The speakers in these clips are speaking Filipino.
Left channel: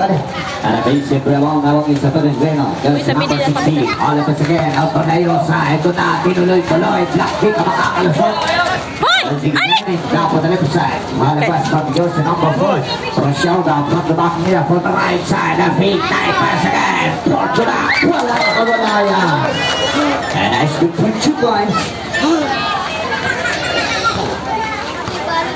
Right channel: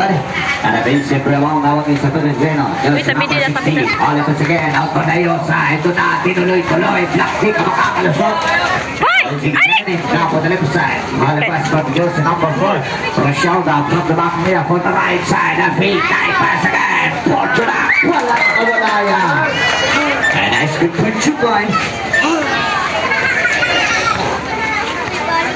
good. And a big super long now is a good Greno. Just number 16. All of us again. Out for Nayosa. Ito na, tinuloy-tuloy. Black kick ang makakalusot. Top of the left side. Malabas from Joseph number 4. Rochelda from the back here for the right side. And feet night pass again. Fortuna. Wala ka wala yan. And I speak for 2 points.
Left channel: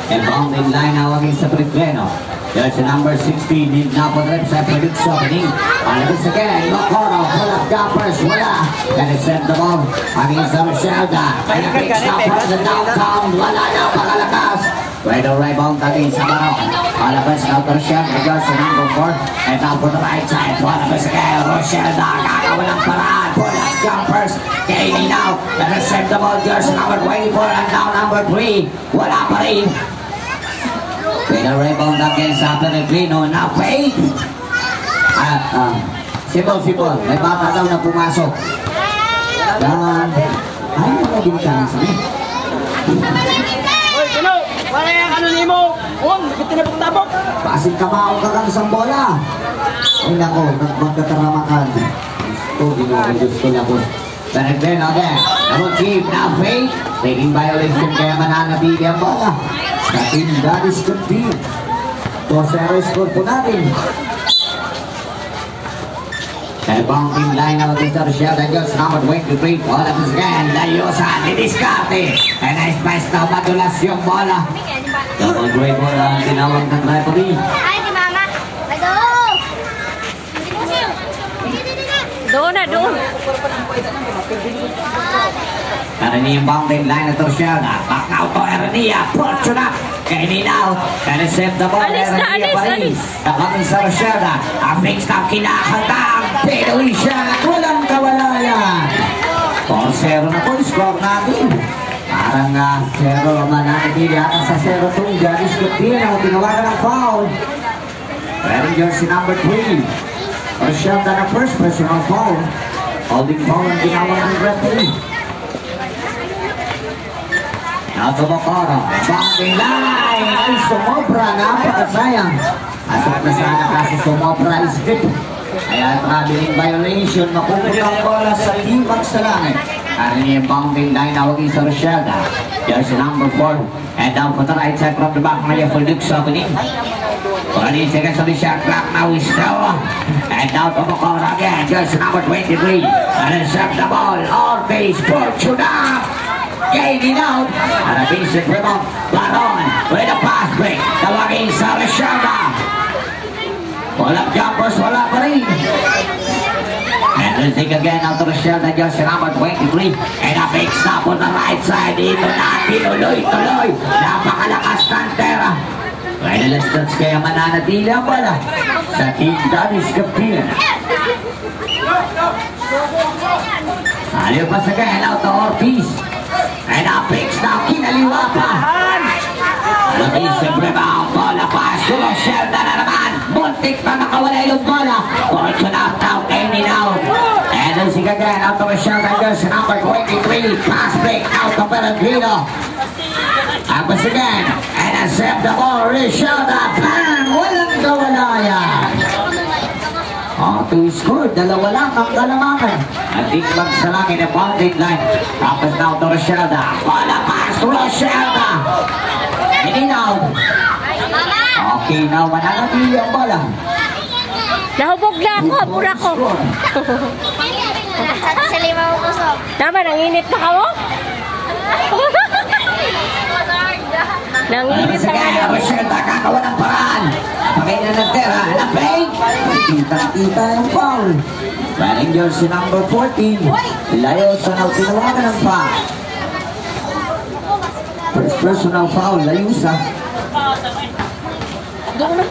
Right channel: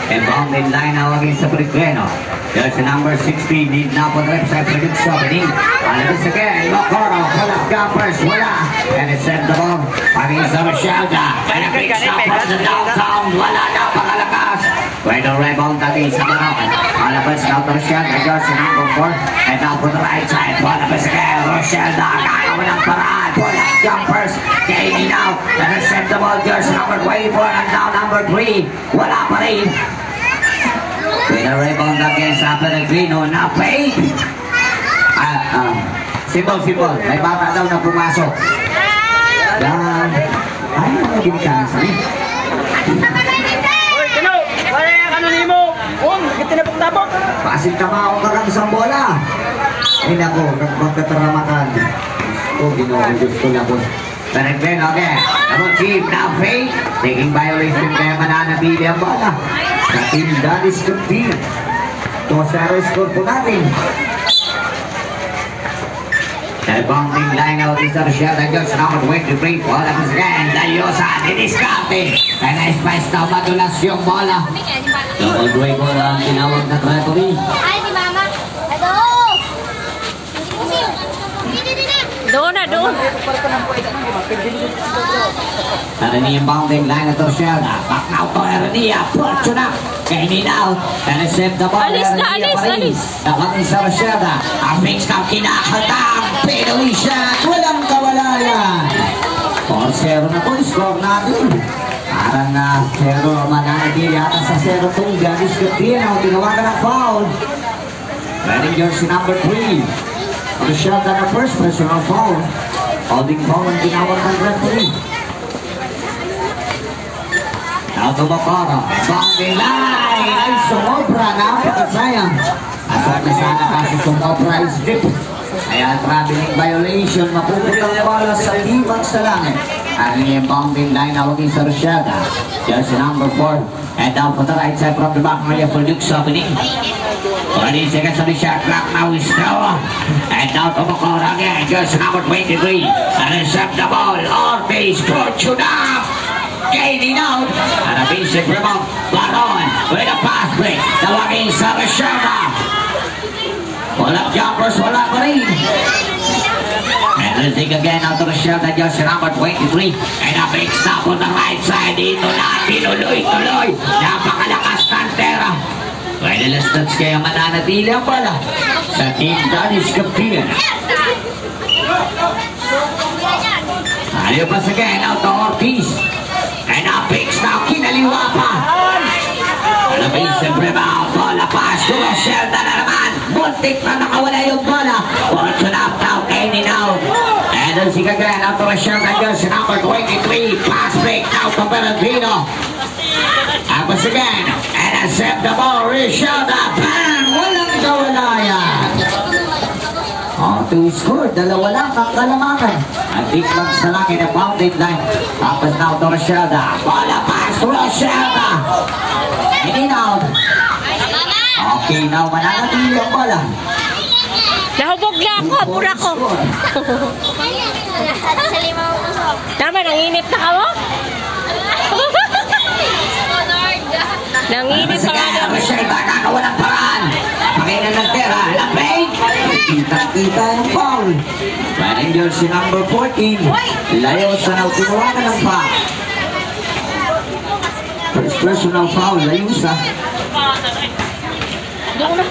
And bound in line now against the Greno. There's a number 16, need now for the left side for Luke Sobini. And this again, Locorno, pull up jumpers, wala. And it's sent the ball against the Rochelda. And a big stop from the downtown, wala na, pakalakas. Right on rebound against the Maroon. Alabas now to Rochelda, there's a number 4. And now for the right side, one of us again, Rochelda, walang paraan, pull up jumpers. Kainin now, and it's sent the ball, there's number 24, and now number 3, wala pa rin. With a rebound against Pellegrino na fake. Simple. May bata daw na pumasok. Ay, magiging kansa niya. Uy, Kino! Wala yung ano ni mo! Tinabok-tabok! Pasin ka mga umakang isang bola. Ay, naku, magkakaramakan. Diyos ko na po. Pellegrino again. Double team na fake. Taking violation kaya mananabili ang bola. Sa team Danis Compete. 2-0 score po natin. The bounding line out is the Rochelda Jones number 23. Bola pa again. Layosa. Didiscarte. And nice pass na madulas yung bola. Double break bola ang tinawag na referee. Ay, si Mama. Doon. Karani yung bounding line at Rochelda. Back now to Hernia. Fortuna. Kainin out. Receive the ball. Alis. Nakang sa Rochelda. Ang fix na kinakatang. Pero siya. Walang kawalayan. 4-0 na po. Score natin. Parang 0 mananagili ata sa 0-2. Ganis Gatino. Tinawagan ng foul. Wearing jersey number 3. Rochelda na first personal foul. Holding foul ang ginawang ng referee. Now to Mocono. Bounding line. Ay, sumobra. Napakasayang. Asal na sana kasi sumobra is deep. Kaya traveling violation. Mapupunta ang bola sa ibang sa langit. Ang yung bounding line na waging sa Rochelda. Jersey number 4. And down for the right side from the back area for Luke Sobini. 20 seconds on the shot clock. Now is still. And down to Mocono again. Jersey number 23. And intercept the ball. Ortiz. Fortuna. Gaining out. And a basic rebound. Baron with a pass break. Tawagin sa Rochelda. Walang jumpers, wala pa rin. And we'll take again out to Rochelda, just number 23. And a big stop on the right side. Dito na, tinuloy-tuloy. Napakalakas Cantera. Well, that's kaya mananatili ang bala sa team Danis Compete. Ayaw pa sa again out to Ortiz. And a big stop, kinaliwa pa. And a basic rebound. Bola pass to Rochelda na naman. Buntik pa nakawala yung bola. Fortune up now, kainin out. And then si again out to Rochelda goes number 23. Pass break out to Pellegrino. Tapos again. And accept the ball. Rochelda. Bang! Walang kawalayan. To score. Dalawa lang ang kalamakan. At iklag sa langit na bounded line. Tapos now to Rochelda. Bola pass to Rochelda. Hindi out. Okay, now mananatili ang bola. Nahubog na ako, pura ko. Tama, nanginip na ka mo? Nanginip na ka mo. Rochelda, kakawalang paraan. Pakailan ng pera, lapay. Kitang-kita ng foul. Running jersey number 14. Layosa na tinawagan ng foul. First personal foul, Layosa. Doon na.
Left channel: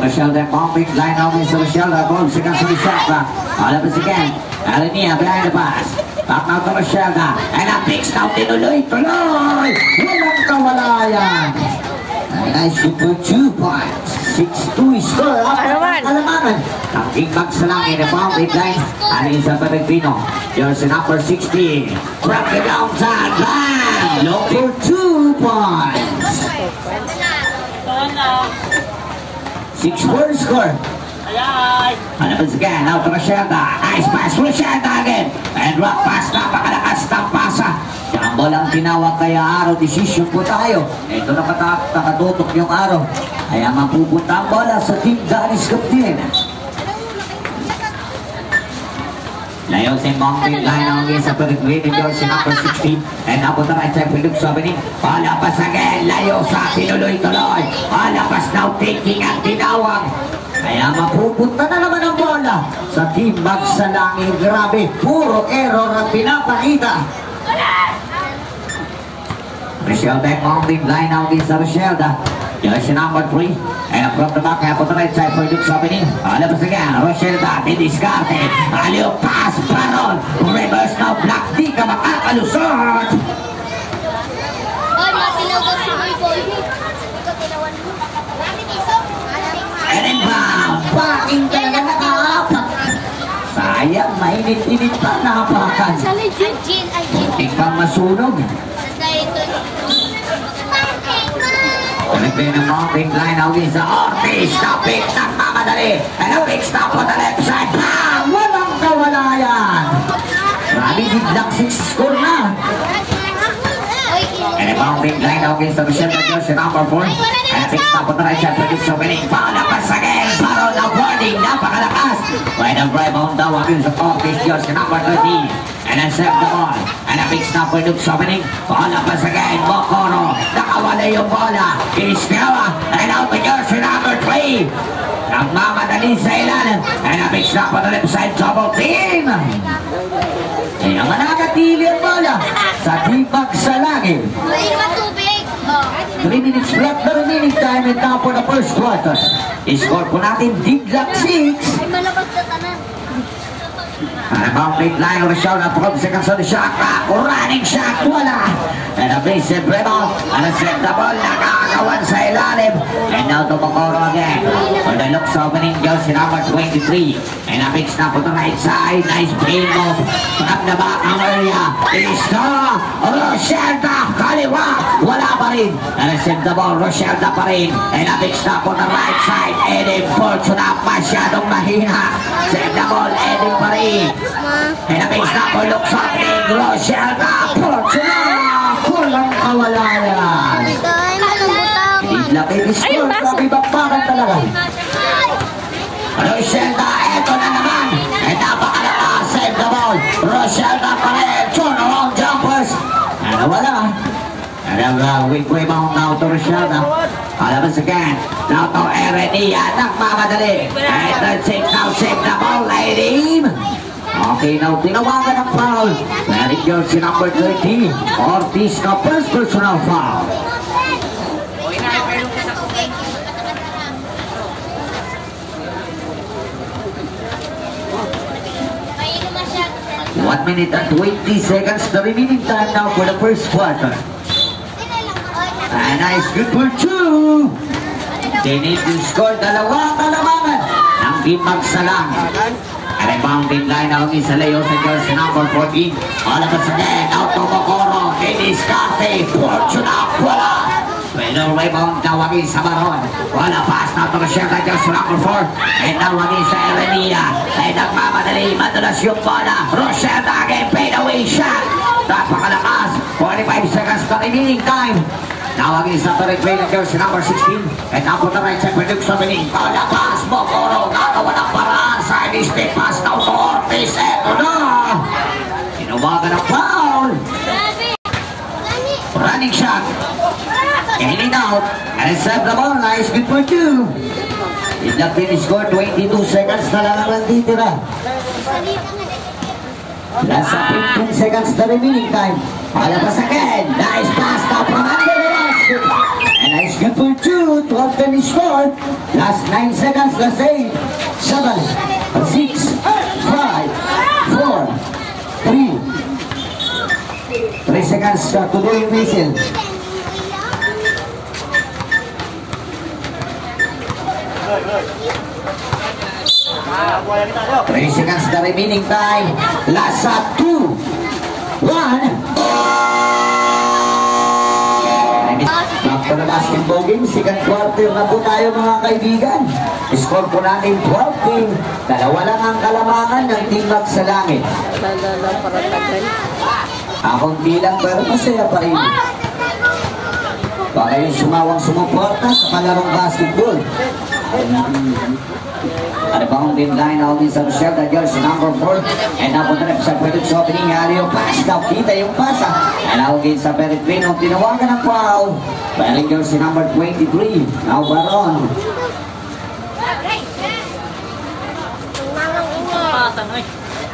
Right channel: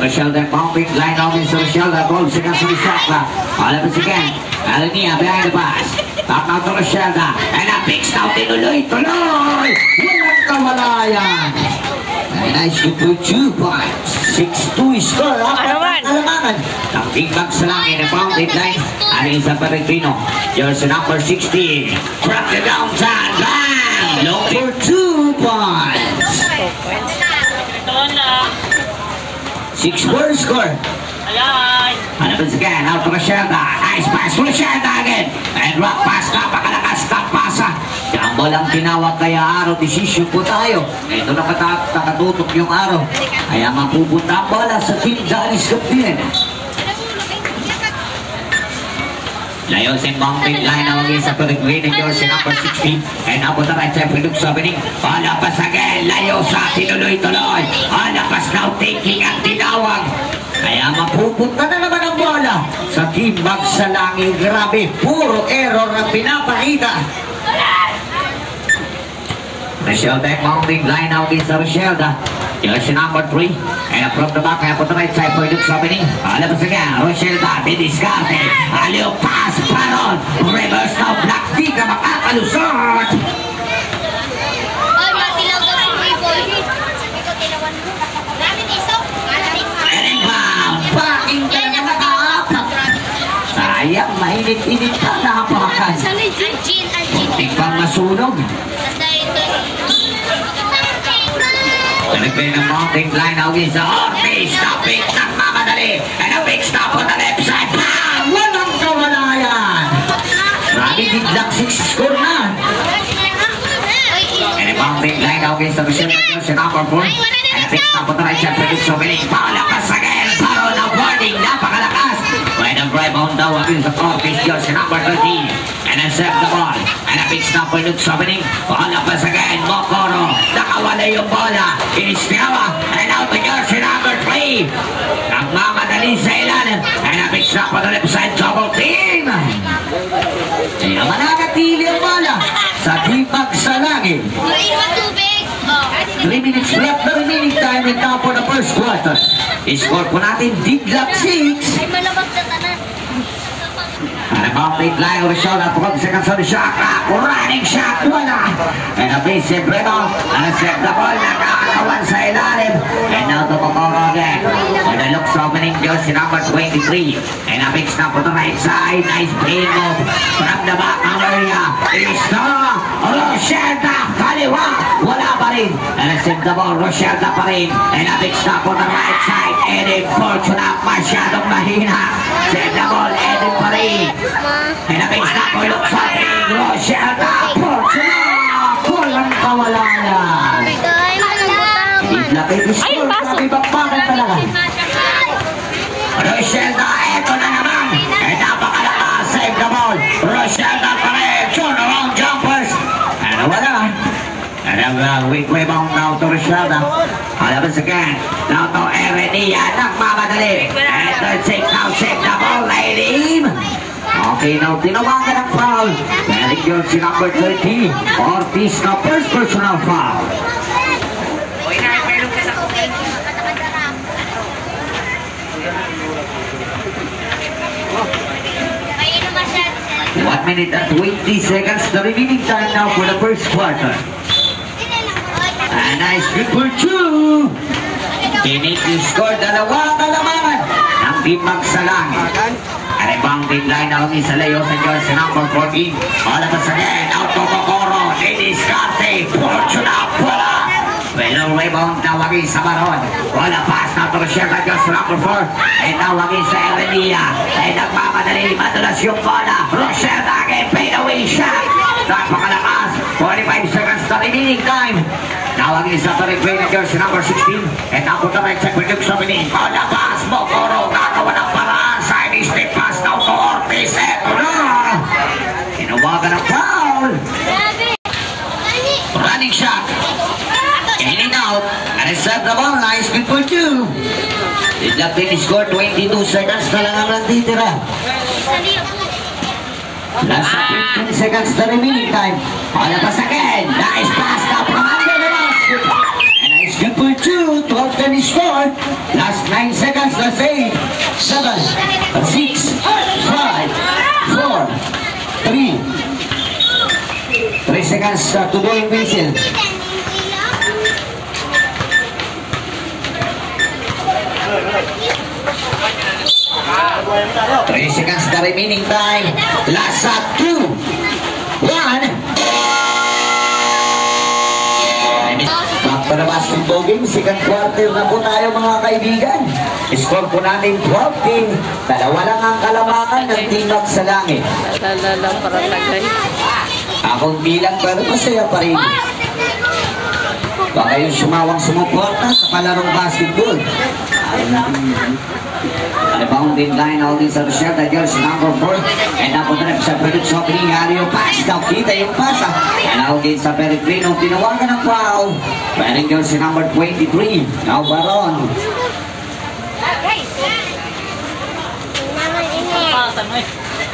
Rochelda bounding line on is Rochelda. Ball seconds to the shot clock. All of us again. Alenia behind the pass. Back now to Rochelda. And a big stop. Tinuloy-tuloy. Walang kawalayan. Nice to put 2 points. 6-2 score. Alamanan. Ang kickback sa langit. The bounding line. Aling sa Pellegrino. Jersey number 16. From the downtown. Bang! Look for 2 points. 2 points. 6-4 score. Ayan. Hanapin again, out to Rochelle. Nice pass, Rochelle again. And rock pass, napakalakas ng pasa. Jumbo lang tinawag kaya araw, decision po tayo. Ito nakatutok yung araw. Kaya mapupunta ang bola sa Team Danis Kaptien. Layo sa bounding line ang isa to the green and yours in number 16. And up on the right side, Philip Sabining. Palapas again, layo sa tinuloy-tuloy. Palapas now taking ang tinawag. Kaya mapupunta na naman ang bola sa Team Magsalangin. Grabe, puro error ang pinapakita. Rochelle bounding line now against Rochelle. Jersey number 3. And from the back, up on the right side, Philip Sabining. Palapas again, Rochelle biniskarte. Aliyo pass, paron. Reverse now, black, di ka makakalusot. Ay, matilaw ko si Boy Boy. And then bam! Backing talaga nakaapak. Sayang, mainit-init pa nakapakan. Algin. Muntik pang masunog. Basta ito. Talikbay ng mounting line out is the Ortiz. Stoping ng mamadali. And a big stop on the left side. Bam! Walang kawalayan. Rami biglang 6 score na. And a mounting line out is the Michelle Johnson number 4. And a big stop on the right side. Produce opening. Palapas again. Paro na warning. Napakalakas. Right and right on the one is the Ortiz Johnson number 13. And a set the ball. And a big stop produce opening. Palapas again. Mokoro. Nakawala yung bola. Iniskawa. And out the Johnson number 3. Nagmamadali sa ilalim. And a big stop on the left side. Double team. Kaya mananatili ang bola sa Team Magsalangin. May naman tubig. 3 minutes left na remaining time and now for the first quarter. I-score po natin biglang 6. Ay, malabas na tanan. And a bounding line of Rochelle at 12 seconds on the shot. Running shot, wala. And a base hit rebound. And a set the ball. Nakakawan sa ilalim. And now to Mokoro again. With the looks opening just in number 23. And a big snap on the right side. Nice play move from the back of area. It's now Rochelle kaliwa. Wala pa rin. And a set the ball. Rochelle pa rin. And a big snap on the right side. Eddie Fortuna masyadong mahina. Set the ball. Eddie pa rin. And a big snap on looks opening. Rochelle Fortuna. Walang kawalayan. Laki ni score, laki bakbakan talaga. Rochelle, eto na naman. Eh, napakalakas, save the ball. Rochelle pa rin, turn around jumpers. And wala. And a weak rebound now to Rochelle. Palabas again. Now to Erenia, nagmamadali. And third take now, save the ball, lady. Okay, now tinawagan ang foul. Eric Johnson number 13. Ortiz na first personal foul. 1 minute and 20 seconds, the remaining time now for the first quarter. And nice triple two. They need to score dalawang kalamangan ng Team Magsalangin. And a bounding line na isa layo sa jersey number 14. Palabas again, out to Mokoro. Diniscarte, Fortuna, wala. Well, rebound tawagin sa Baron. Wala pass na to Rochelle na jersey number 4. Ay tawagin sa Erenia. Ay nagmamadali, madulas yung bola. Rochelle again, fade away shot. Napakalakas, 45 seconds na remaining time. Tawagin sa replay na jersey number 16. And now po na right side, Produce opening. Palabas, Mokoro, nagawa ng paraan. Side step pass now to Ortiz. Eto na. Inawagan ng foul. Running shot. In and out. And it's set the ball. Nice good for two. Did not finish score. 22 seconds na lang ang nanditira. Last 15 seconds the remaining time. Palabas again. Nice pass now from under the basket. And nice good for two. 12 finish score. Last 9 seconds. Last 8, 7, 6, 5, 4, 3. 3 seconds to go in whistle. 3 seconds the remaining time. Last shot, 2, 1. Back to the basketball game, second quarter na po tayo mga kaibigan. Score po natin 12-10. Dalawa lang ang kalamangan ng Team Max sa langit. Lala para tagay. Akong bilang pero masaya pa rin. Baka yung sumawang sumuporta sa kalarong basketball. Rebounding line out din sa Rochelle, jersey number 4. And napunta sa Felix opening, hali yung pass. Nakita yung pasa. And out din sa Peregrino, tinawagan ng foul. Wearing jersey number 23. Now Baron.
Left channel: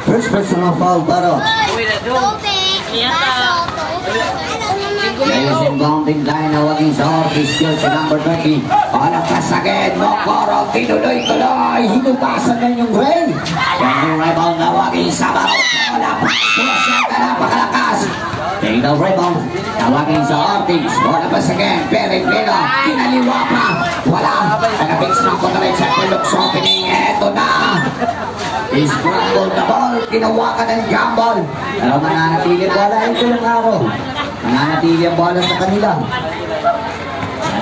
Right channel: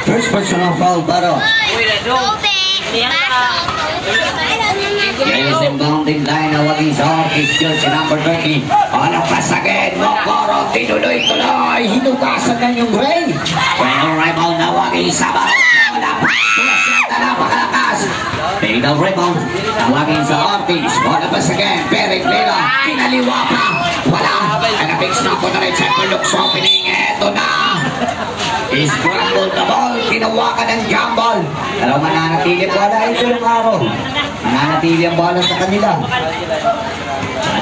First personal foul, Baron. Ngayon sa bounding line na waging sa Ortiz, jersey number 30. Palapas again, Mokoro, tinuloy-tuloy, hinugasan na yung Gray. Pero rebound na waging sa Barot. Palapas, tulasenta na pakalakas. Take the rebound, na waging sa Ortiz. Palapas again, Peregrino, kinaliwa pa. Wala, nag-fix na po na rin sa Pelux opening. Eto na. Scramble the ball, tinawakan ng jump ball. Pero mananatili wala ito yung araw. Mananatili ang bola sa kanila.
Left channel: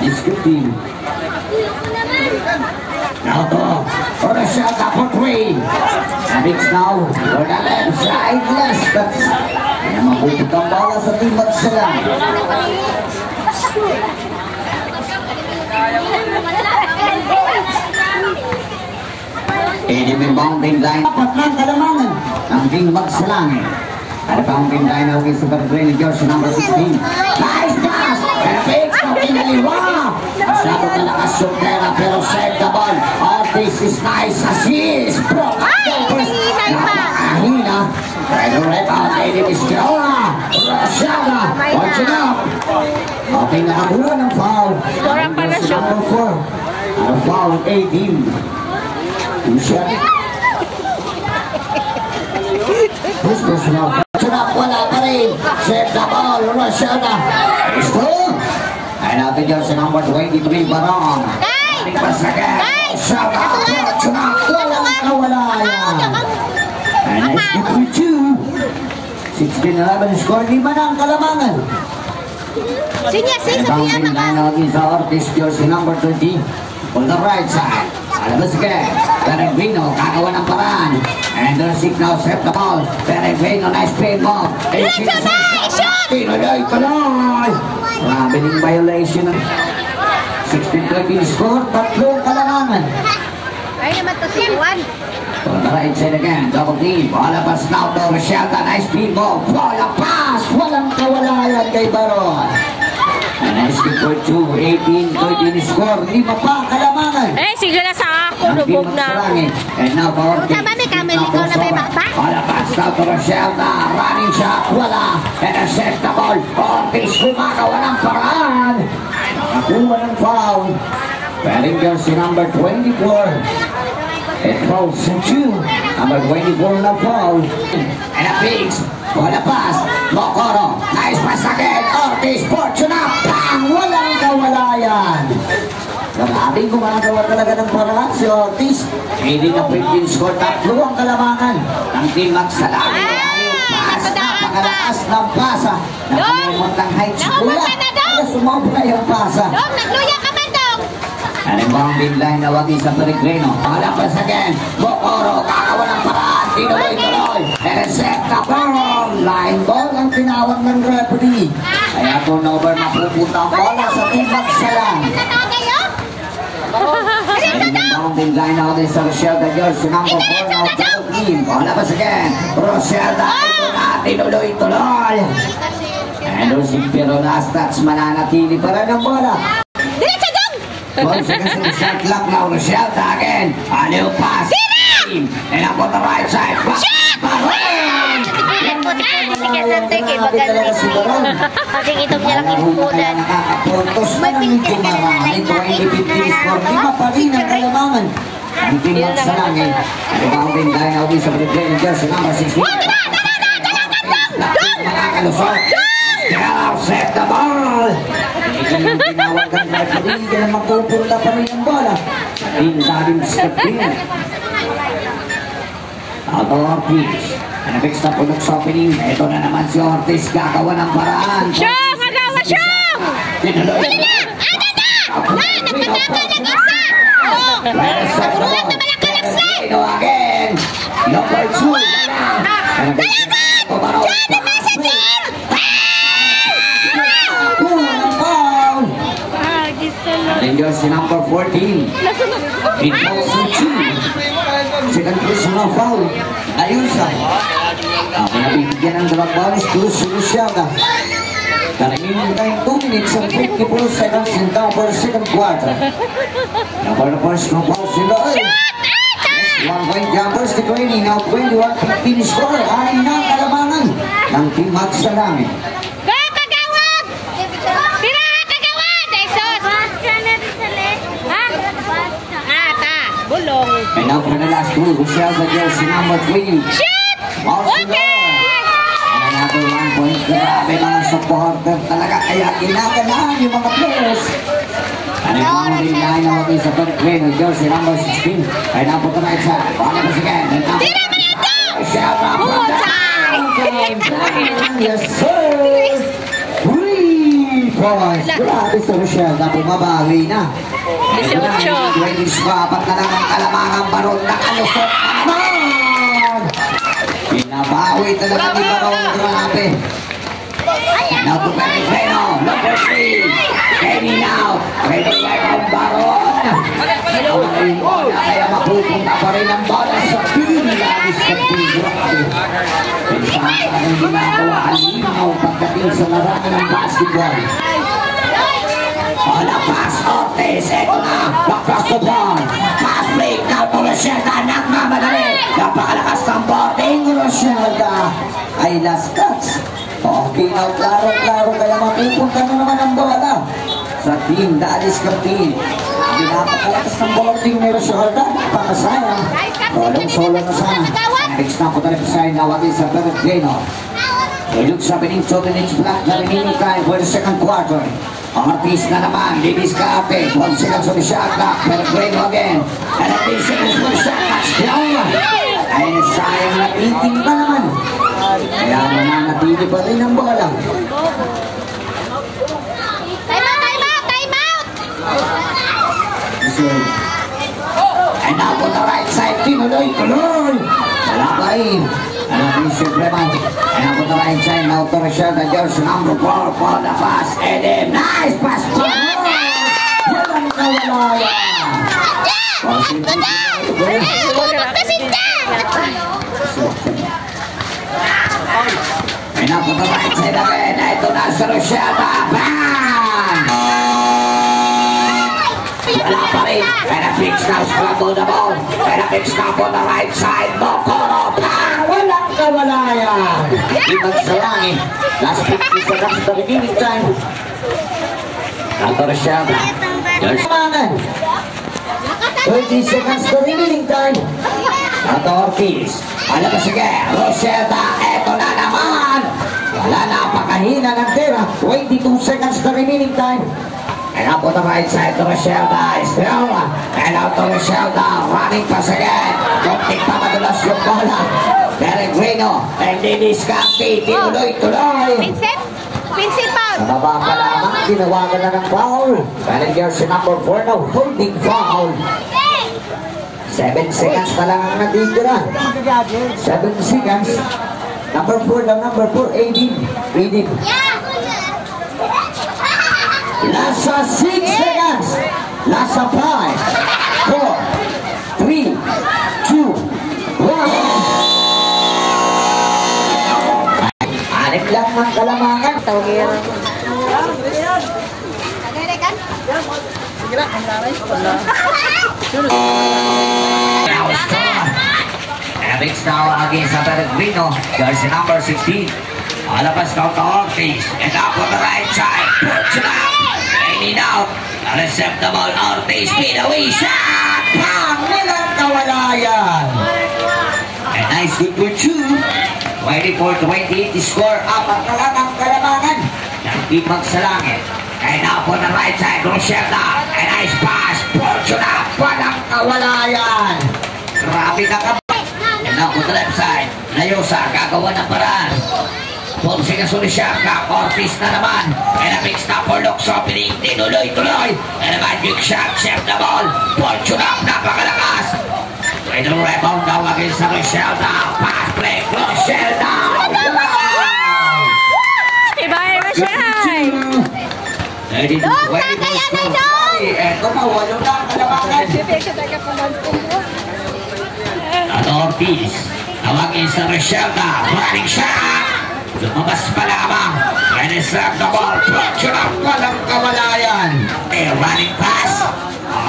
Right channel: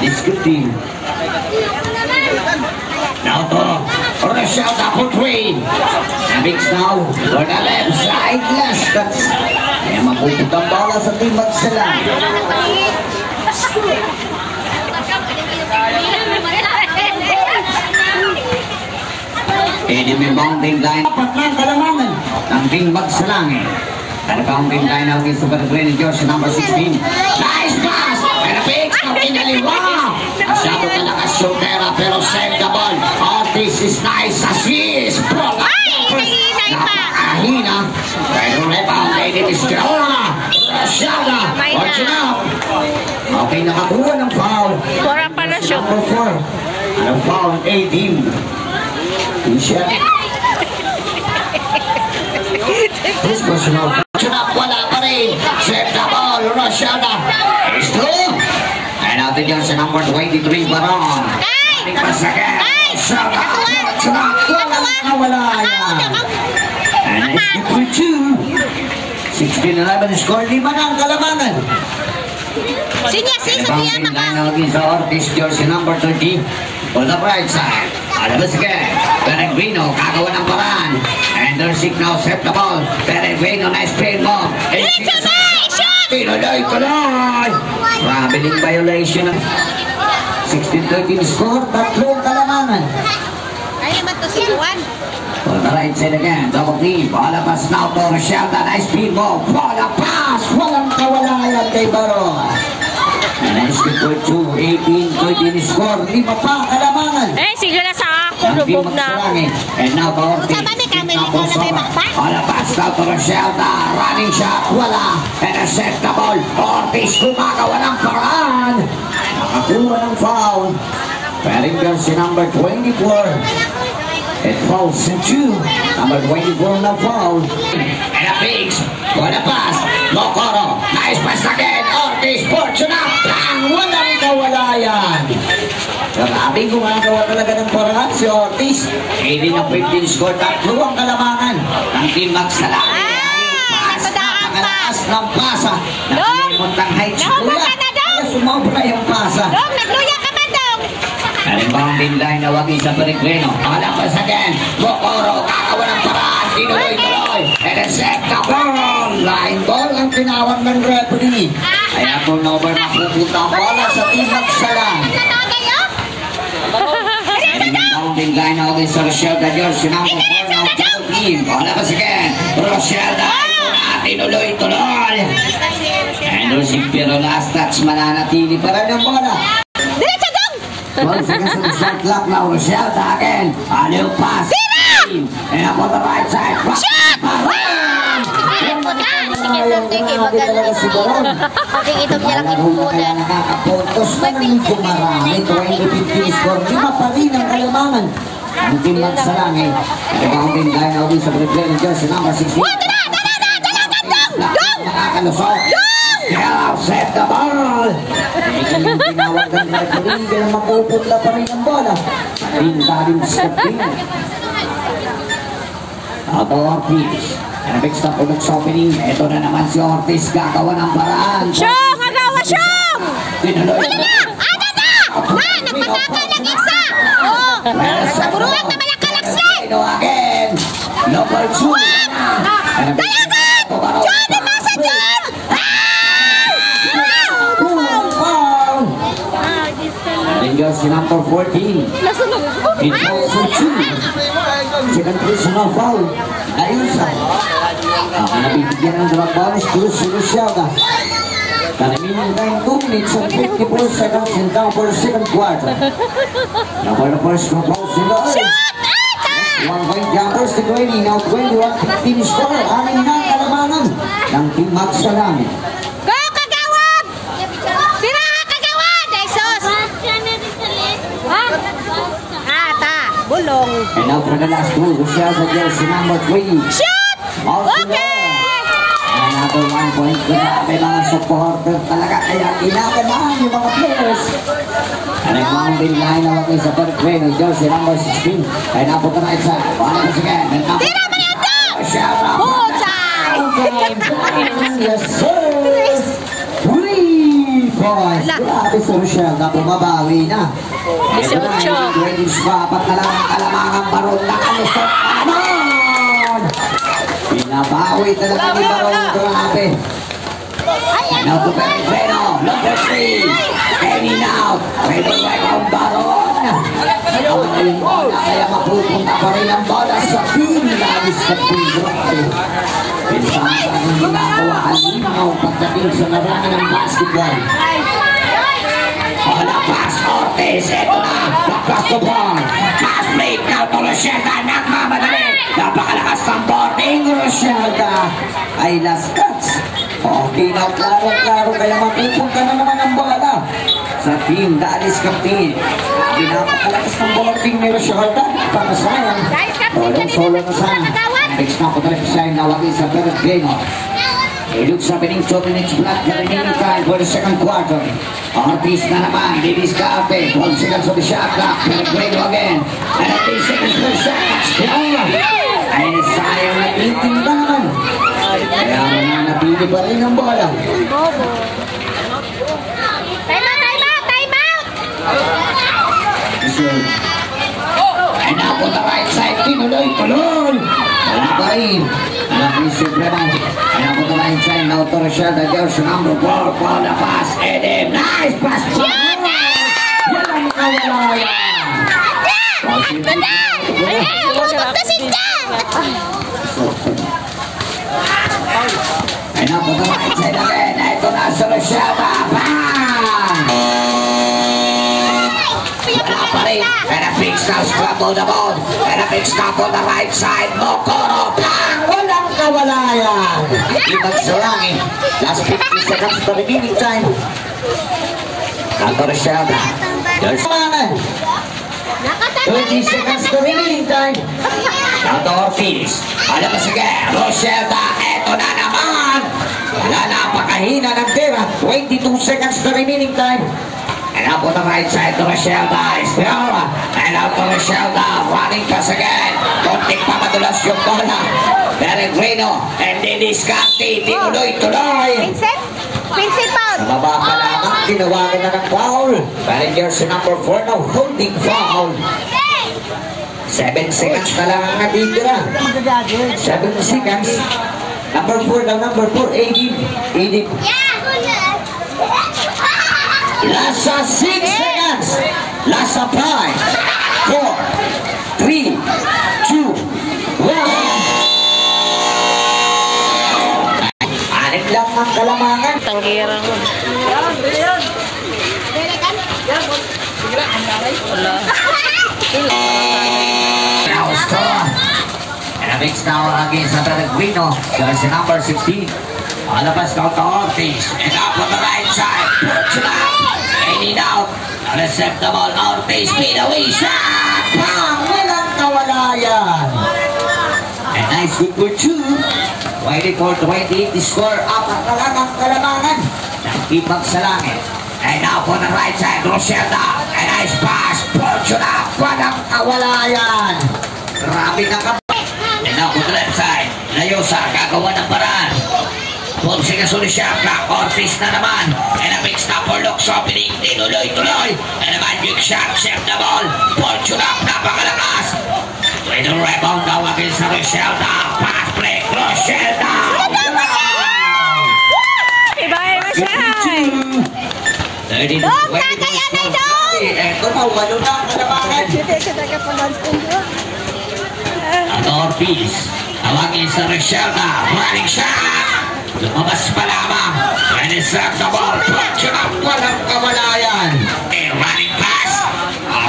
That good team. Now to Rochelle for 3. Mix now for the left side. Last touch. Kaya mabutot ang bola sa Team Max sila. Enemy bounding line. Apat ng kalamangan ng Team Max sa langit. Bounding line out against the Peregrino, jersey number 16. Nice pass! Perfect! Ang pinaliwa! Masyado kalakas yung pera pero save the ball. Ortiz is nice. Assist! Napakahina. Pero rebound, Lady Mistrona. Rashada. Watching out. Okay, nakakuha ng foul. Kurang pala shoot. Number 4. Ang foul, 18. Michelle. This personal foul. Wala pa rin. Save the ball. Rashada. Still. And out the jersey number 23, Baron. Pass again. Rashada. Walang nawala. And it's good for 2. 16-11 score. 5 na ang kalamangan. Bounding line out is Ortiz, jersey number 30. On the right side. Alabas again. Peregrino, kagawa ng paraan. And their signal, set the ball. Peregrino, nice spin mo. Tinuloy-tuloy. Traveling violation. 16-13 score. 3 kalamangan. Ay naman to si Juan. On the right side again. Double team. Alabas now to Rochelle. Nice spin mo. Bola pass. Walang kawalayan kay Baron. And nice good for 2. 18-13 score. 5 pa kalamangan. Eh, sige na sa ako. Lubog na ako. And now the Ortiz. Alabas now to Rochelle. Running shot. Wala. And a set the ball. Ortiz gumagawa ng paraan. Nakakuha ng foul. Wearing jersey number 24. It falls to 2. Number 24 na foul. And a pigs. What a pass. Mokoro. Nice pass again. Ortiz. Fortuna. Bang! Walang kawalayan. Marami gumagawa talaga ng paraan si Ortiz. Hindi na 15 score. 3 ang kalamangan ng Team Max sa langit. Pass. Napakalakas ng pasa. Nakalimot ng heights. Kuya. Kaya sumobra yung pasa. Dong, nagluya ka man, Dong. And in bounding line na wagi sa Peregrino. Alapas again. Mokoro. Kakawa ng paraan. Tinuloy-tuloy. And a set the ball. Line ball ang tinawag ng referee. Kaya turnover mapupunta ang bola sa Team Max sa langit. And in bounding line na wagi sa Rochelle, the jersey number 4 now double team. Alapas again. Rochelle dahil po na tinuloy-tuloy. And Rosing pero last touch mananatili pa rin ang bola. 12 seconds in the shot clock now. Rochelle again. A little pass. And up on the right side. Baron! Talaga si Baron. Nakakapuntos na ng kumarami. 20-15 score. 5 pa rin ang kalamangan. Ang Team Max sa langit. Rebounding line out sa Peregrino, jersey number 16. Makakalusot. Now set the ball. Hindi tinawag ng referee. Kaya mapupunla pa rin ang bola. Daling step in. Auto Ortiz. Nabix na punok sa opening. Ito na naman si Ortiz. Gagawa ng paraan. Siyong! Agawa, Siyong! Tinuloy. nag-isa! Oh! Nagulat naman ang kalaksa! Again! Number 2! Dalagan! Diyan na nasa team! And yours number 14. Nasa na? In also 2. Second place na foul. Ayusa. Nabibigyan ng drop bonus to Luciana. Kalimin na yung 2 minutes and 54 seconds in the second quarter. Number the first drop bonus in the early. 1 point jumpers to Granny. Now 21-15 score. Ay na kalamanan ng Team Max sa namin. Go, Kagawad! Tira ka, Kagawad! Jesus! Ha? Ta. Bulong. And now for the last two, Rochelle jersey number 3. Shoot! Okay! Another 1 point. Grabe mga supporter talaga. Kaya kinakabahan yung mga players. And ang mga line na sa third grade ng jersey number 16. Ay na po ito na isa. Bala ko sige. Tira mo yan to! Yes, sir! 3 points. Grabe sa Rochelle na bumabawi na. 18. 20 pa. Pag talagang kalamangang baron na kalusot na naman. Pinabawi talaga ni Baron. Grabe. Now to Peregrino. Number 3. Kenny now. Peregrino Baron. Kaya mapupunta pa rin ang bola sa pinalis sa pingrabe. Pinsahan ka ng ginagawa alimaw pagdating sa larangan ng basketball. Bola pass Ortiz. Ito na. Across the ball. Pass plate. Now to Rochelle. Nagmamadali. Napakalakas ng boarding. Rochelle ay last touch. Okay na, klaro-klaro, kaya mapupunta na naman ang bola sa team Dalis Captain. Pinapakalakas ng boarding ni Rochelle. Pakasayang. Solo na sana. Next na po talaga sa nawagin sa Peregrino. Ilog sa pining 2 minutes flat na remaining time for the second quarter. Ortiz na naman, Davis Kaate, 12 seconds on the shot clock, Peregrino again. And at 3 seconds for the shot clock. Ay nasayang na iting ba naman? Kaya mananapili pa rin ang bola. Time out! And now on the right side, tinuloy. Wala pa rin. Wala pa rin si Breman. And now on the right side, now to Rochelle, the jersey number 4 for the pass. And then, nice pass! Walang kawala. And now on the right side again, ito na si Rochelle. Bang! Wala pa rin. And a big now scramble the ball. And a big stop on the right side. Mokoro. Bang! Walang kawalayan. Ibang sarangin. Last 50 seconds to remaining time. Nato Rochelle. There's manan. 20 seconds to remaining time. Nato Ortiz. Alam mo sige. Rochelle. Eto na naman. Wala na. Pakahina ng tira. 22 seconds to remaining time. And up on the right side to Rochelle still. And out to Rochelle running pass again. Konting pa madulas yung bola. Peregrino and Dennis Canty. Tinuloy-tuloy. Vincent Paul! Sa baba ka lamang, tinawagan na ng foul. Peregrino si number 4 now, holding foul. 7 seconds na lang ang natitira. 7 seconds. Number 4 now, number 4, Edip. Lasa 6 seconds. Lasa 5, 4, 3, 2, 1. Anik lang ng kalamangan. Tanggirang. Wala. And a big star against Peregrino. Jersey number 16. Alabas now to Ortiz. And up on the right side. Puts it up. Aiming out. Recept the ball. Ortiz. Speed away. Shot. Pang! Walang kawalayan. And nice hit for 2. 24-28. The score. Apat na lang ang kalamangan. Nagtipag sa langit. And up on the right side. Rochelle. And nice pass. Fortuna. Walang kawalayan. Grabe na ka. And up on the left side. Layosa. Gagawa ng paraan. Pulsing na Solisyanka, Ortiz na naman. And a big stop for Lux opening, tinuloy-tuloy. And a magic shot, save the ball. Fortunat, napakalakas. With the rebound daw against sa Roselda. Pass play, Roselda. Iba-iba siya. 30 to 20 score. Eto pa, walo na ang kalamangan. At Ortiz, tawagin sa Roselda. Running shot. Lumabas pa lamang. And it's left the ball. Fortunat, walang kawalayan. A running pass.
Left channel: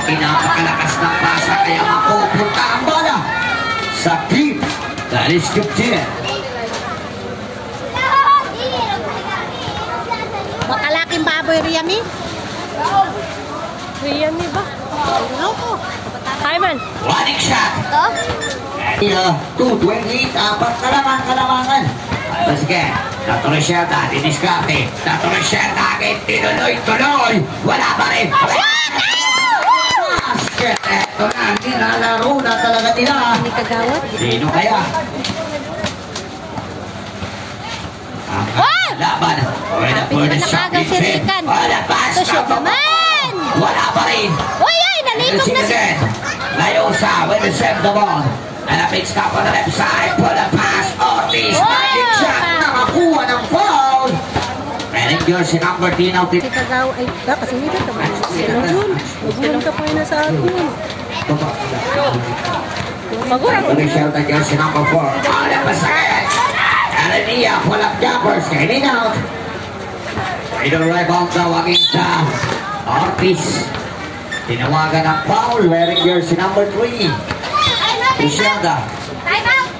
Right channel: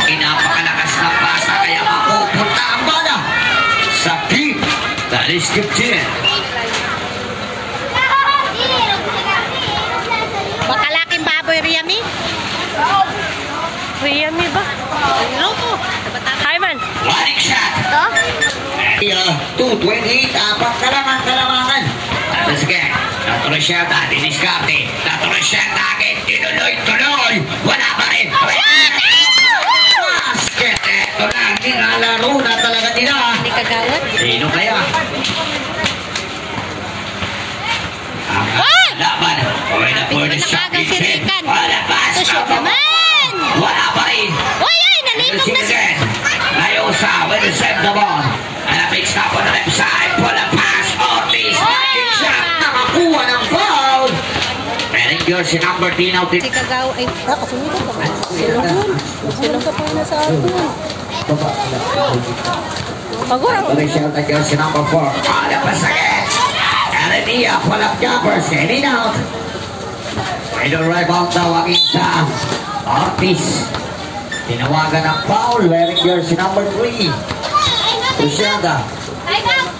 Pinapakalakas ng pasa kaya mapupunta ang bola sa team that is captain. Bakalaking baboy, Riami? Riami ba? Hi, man. Running shot. Ito? 228, apat na lang ang kalamangan. Sige, natuloy siya na, diniskarte. Natuloy siya na agad, tinuloy-tuloy. Wala pa rin. Basket, eto na, nilalaro na talaga nila. Hindi kagawad. Sino kaya? Ang laban. Wala po na shot. Wala pass. Wala pa rin. Uy, ay, nalinog na siya. Layosa will save the ball. And a big stop on the left side. Pull a pass. Ortiz. Magic shot. Nakakuha ng foul. And in jersey number 10 out. Hindi kagawad. Ay, kasunod ka ba? Silong ka po yun na sa akin. Pagurang. Official na jersey number 4. Wala pa sakit. Alania. Walang jumpers. Heading out. Idol rebound daw against Ortiz. Tinawagan ng foul. Wearing jersey number 3. Luciana.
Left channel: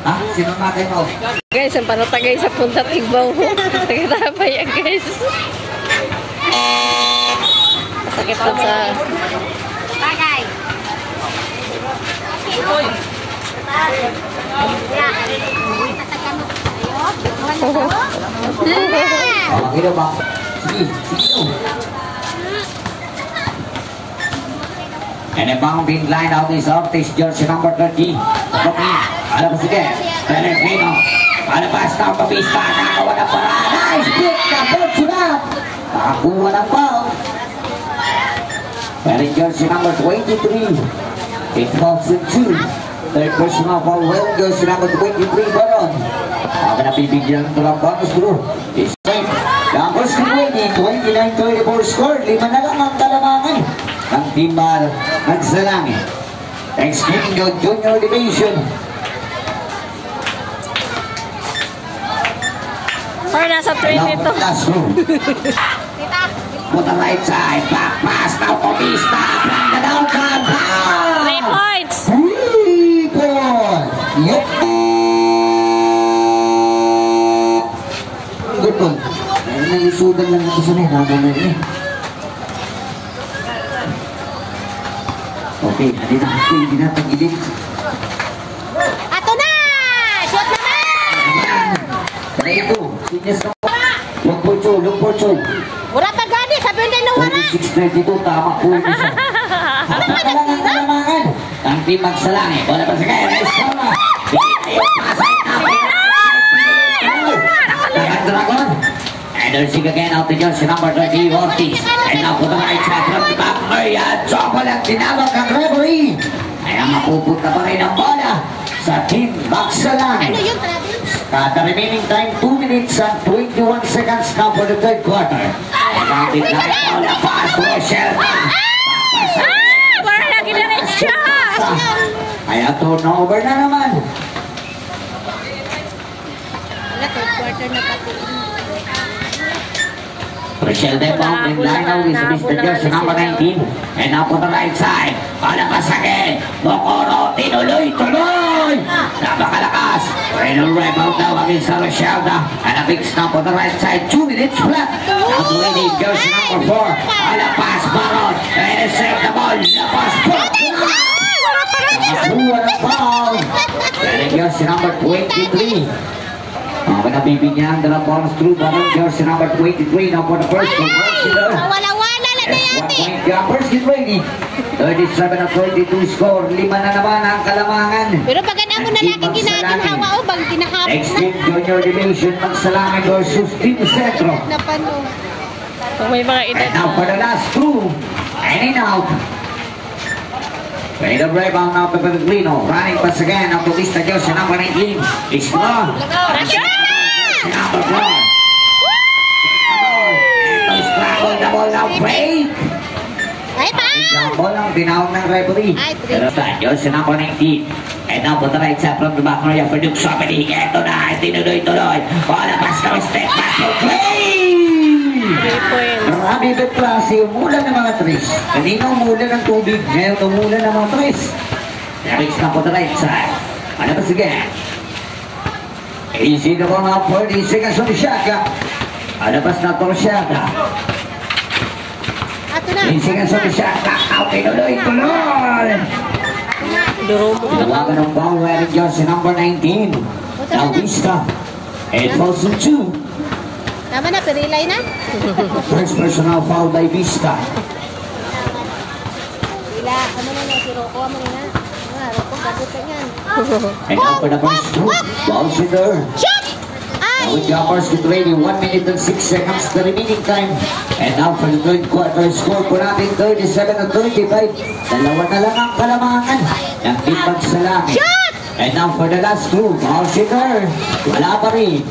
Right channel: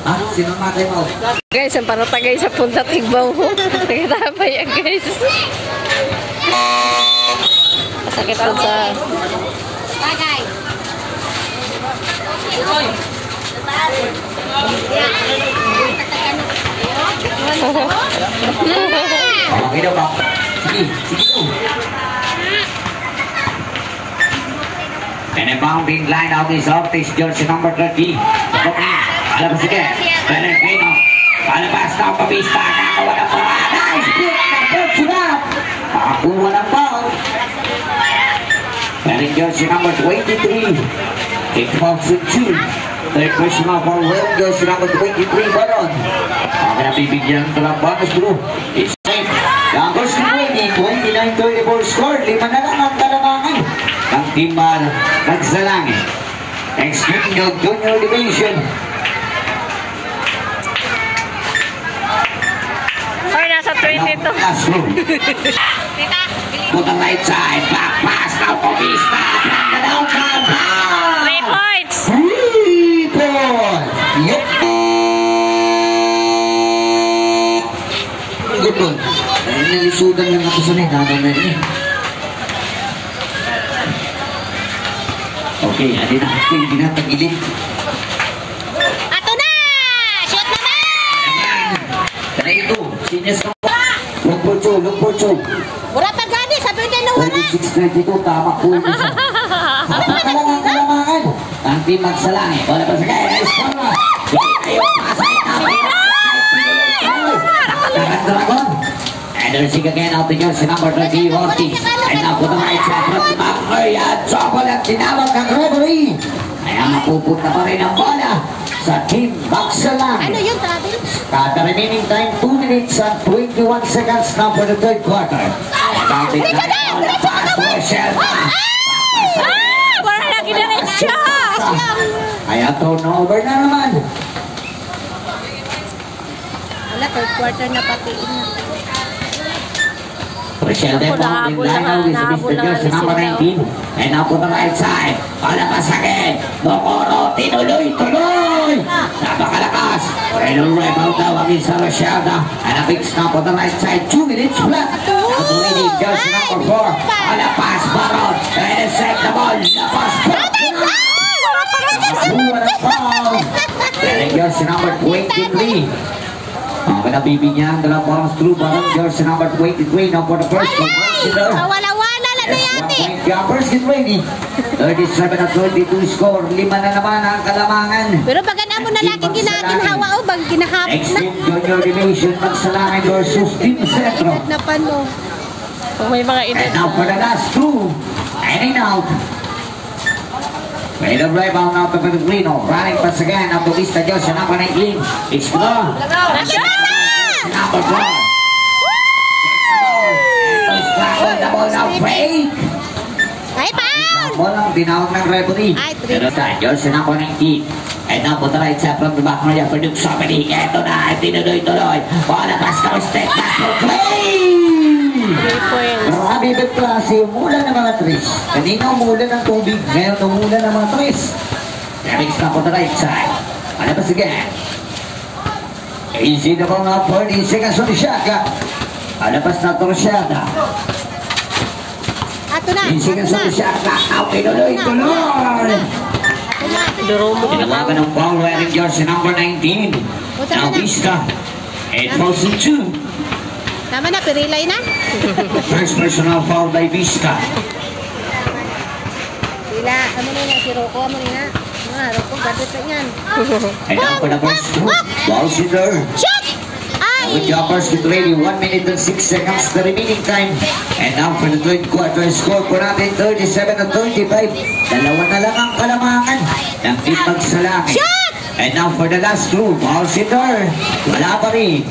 Ah, sino matay mo? Guys, ang panatagay sa punta tigbaw mo. Nagkatapay yan, guys. Masakit po sa... Bagay. Okay daw ba? Sige, sige daw. And a bounding line out is Ortiz, jersey number 30. Alam mo sige, Pellegrino. Alabas na ang pabista, nakawa na para. Nice pick na Fortunat. Nakakuha ng foul. Wearing jersey number 23. It falls in 2. Third question of our well, jersey number 23, Baron. Ang nabibigyan ito ng bonus bro. It's safe. Numbers 29-24 score. 5 na lang ang kalamangan. Ang team nagsalangin. Extreme Junior Division. Or nasa 22. Put the right side. Back pass now for Vista. From the downtown. 3 points. 3 points. Yup. Good one. Dahil nalisudan ng ako sa nito na rin. Okay, adi na. Hindi na tagilid. Ato na! Shoot naman! Dala ito. Seniors na. Look for two. Mura pa gani, sabi din nung wala. 26-32, tama po yung isa. Napakalang ang kalamangan. Ang team magsalangin. Wala pa sa kaya. Nice bola. Pasay na. Dragon. And there's again out the jersey number 30, Ortiz. And now for the right side from the back. Ayan, Chopper ang tinawag ang referee. Kaya mapupunta pa rin ang bola sa team magsalangin. Ano yun, Travis? The remaining time, 2 minutes and 21 seconds now for the third quarter. And the pass to Rochelle. Wala lagi na rin siya. Kaya turnover na naman. Wala, third quarter na pati. Rochelle then found in line now with Mr. Jersey number 19. And now to the right side. Palapas again. Mokono, tinuloy-tuloy. Napakalakas. Renal rebound now against Rochelle. And a big stop on the right side. 2 minutes flat. Now to Lady Jersey number 4. Palapas, Baron. And save the ball. Lapas, Nakakuha ng foul. Renal Jersey number 23. Nabibigyan ang dalawang bounce through Baron jersey number 23 now for the first one. Wala-wala na na yan eh. Jumpers get ready. 37-22 score. 5 na naman ang kalamangan. Pero pag na mo na laki ginhawa o bang ginahapon Next na. team, Junior Division, Magsalangin versus Team Centro. Napano. Kung may mga edad And now for the na. last two. And in out. May the rebound out of Pellegrino. Running pass again. Ang Bautista Diyos sa number 19. Explore. Nasya! Number 4. Scramble the ball now. Break. Ay pa! Ball ang tinawag ng referee. Ay, three. Pero sa Diyos sa number 19. And now for the right side from the back area for Duke Somebody. Ito na. Tinuloy-tuloy. Bola pass now. Step back for play. 3 points. Marami ng klase, umulan ng mga tres. Kanina umulan ng tubig, ngayon umulan ng mga tres. Next na po the right side. Ano ba sige? Easy na po mga 40 seconds on the shot. Ano ba sa torsyada? Ato na. 10 seconds on the shot. Now, tinuloy-tuloy. Durumog na Lumaga ka. ng foul wearing jersey number 19. Now, Vista. It falls in 2. Tama na, pirilay na. First personal foul by Vista. Pila, amo na na, si Rocco, amo na. Rocco, gadot na yan. And now for the first two. Ball's in there. Shot! Ay! With the uppers get ready, 1 minute and 6 seconds the remaining time. And now for the third quarter, score po natin 37-35. Dalawa na lang ang kalamangan ng Team Magsalangin. And now for the last two, ball's in there. Wala pa rin.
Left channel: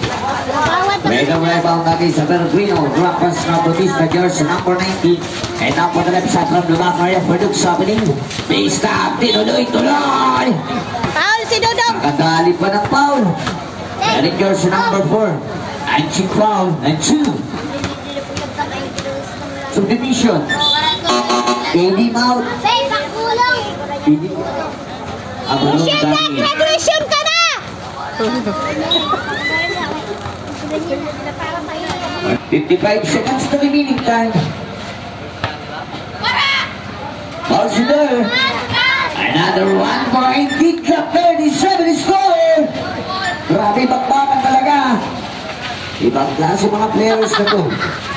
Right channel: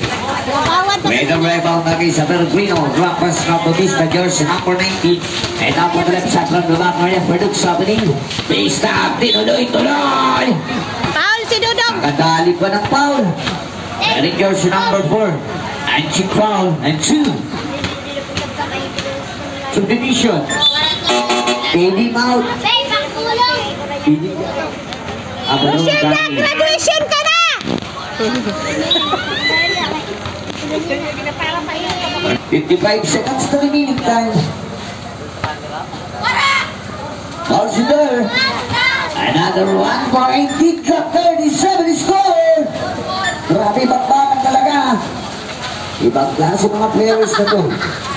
With the rebound again sa Pellegrino, drop pass na Bautista jersey number 90. And now for the left side from the back area for Duke Sabeling. Base tap, tinuloy-tuloy. Paul, si Dudong! Nakadali pa ng foul. Eric jersey number 4. And check foul. And 2. Subdivision. Baby out. Abulong kami. Graduation ka na! 55 seconds to remaining time. Ball's in there. Another 1 point. Kick up 37 score. Grabe bakbakan talaga. Ibang klase mga players na to.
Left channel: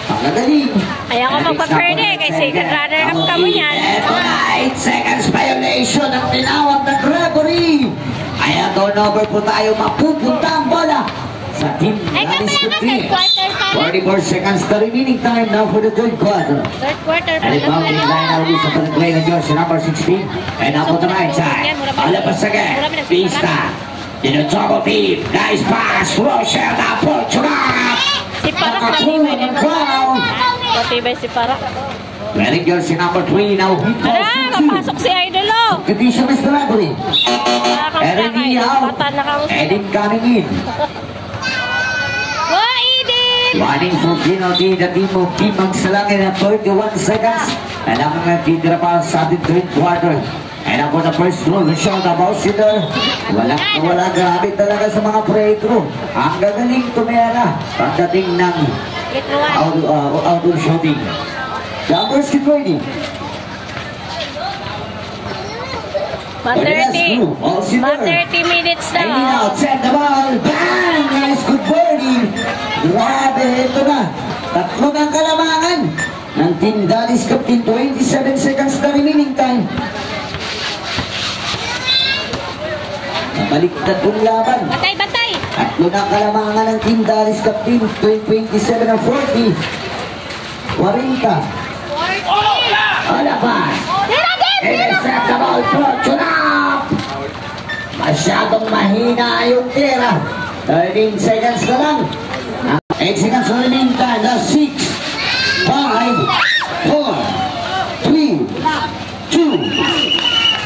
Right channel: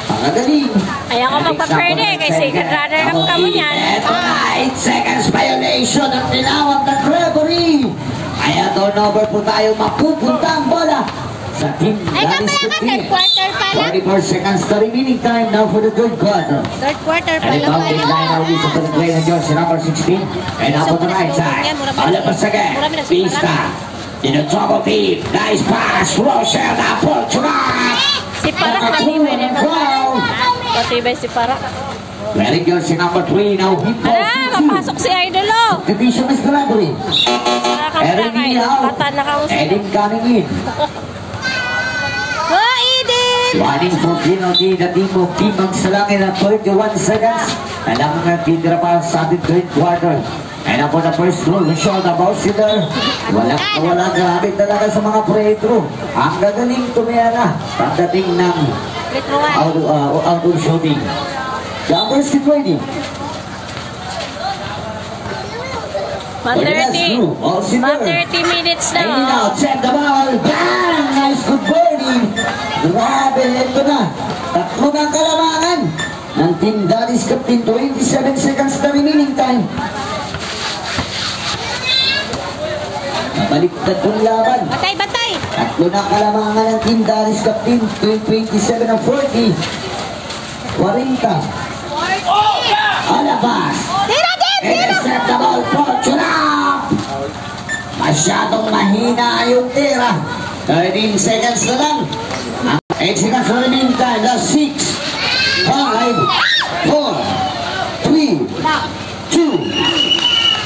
Pangagaling. Ayaw ko magpa-pwede kasi runner-up ka mo yan. 8 seconds violation ang tinawag ng referee. Kaya turnover po tayo, mapupunta ang bola sa team Galis to team. 44 seconds the remaining time now for the third quarter. Third quarter pa And it lang bounding line now is for the play ng Diyos, number 16. And now for the right side. Alapas again. Pista. In the top of it. Nice pass. Rochelle na Portugal. Si Parak matibay din mag-foul. Matibay si Parak. Wearing jersey number 3 now. Ala, mapasok si Idol o. Division is the library. Saka kang plaka Idol. Bata na kang sila. Edin coming in. Go, Edith! Running for penalty the team of Team Magsalangin at 31 seconds. And ang mga titira pa sa ating third quarter. And ako the first rule, the shot about sila. Walang grabe talaga sa mga pre-throw. Ang gagaling tumera pagdating ng outdoor shooting. Jumpers keep ready. Ma 30 minutes na. And now, set the ball. Bang! Nice good birdie. Grabe, ito na. Tatlo ng kalamangan ng Team Daddy's Captain. 27 seconds na remaining time. Nabaliktad yung laban. Batay, batay! Tatlo ng kalamangan ng Team Daddy's Captain. 27 na 40. 40. Alabas. Set the ball for Chunap. Masyadong mahina yung tira. 13 seconds na lang. 8 seconds for the meantime. Last 6, 5, 4, 3, 2.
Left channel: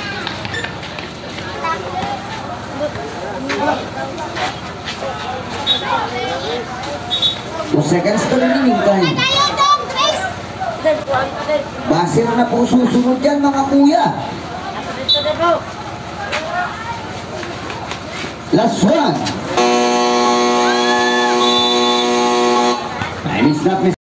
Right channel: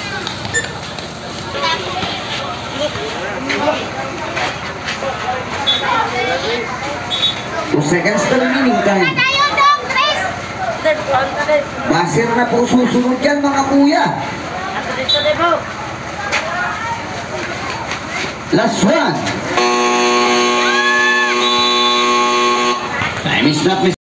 Two seconds pa remaining time. Tayo dong, Chris! Basir na po susunod yan mga kuya. Last one. Time is not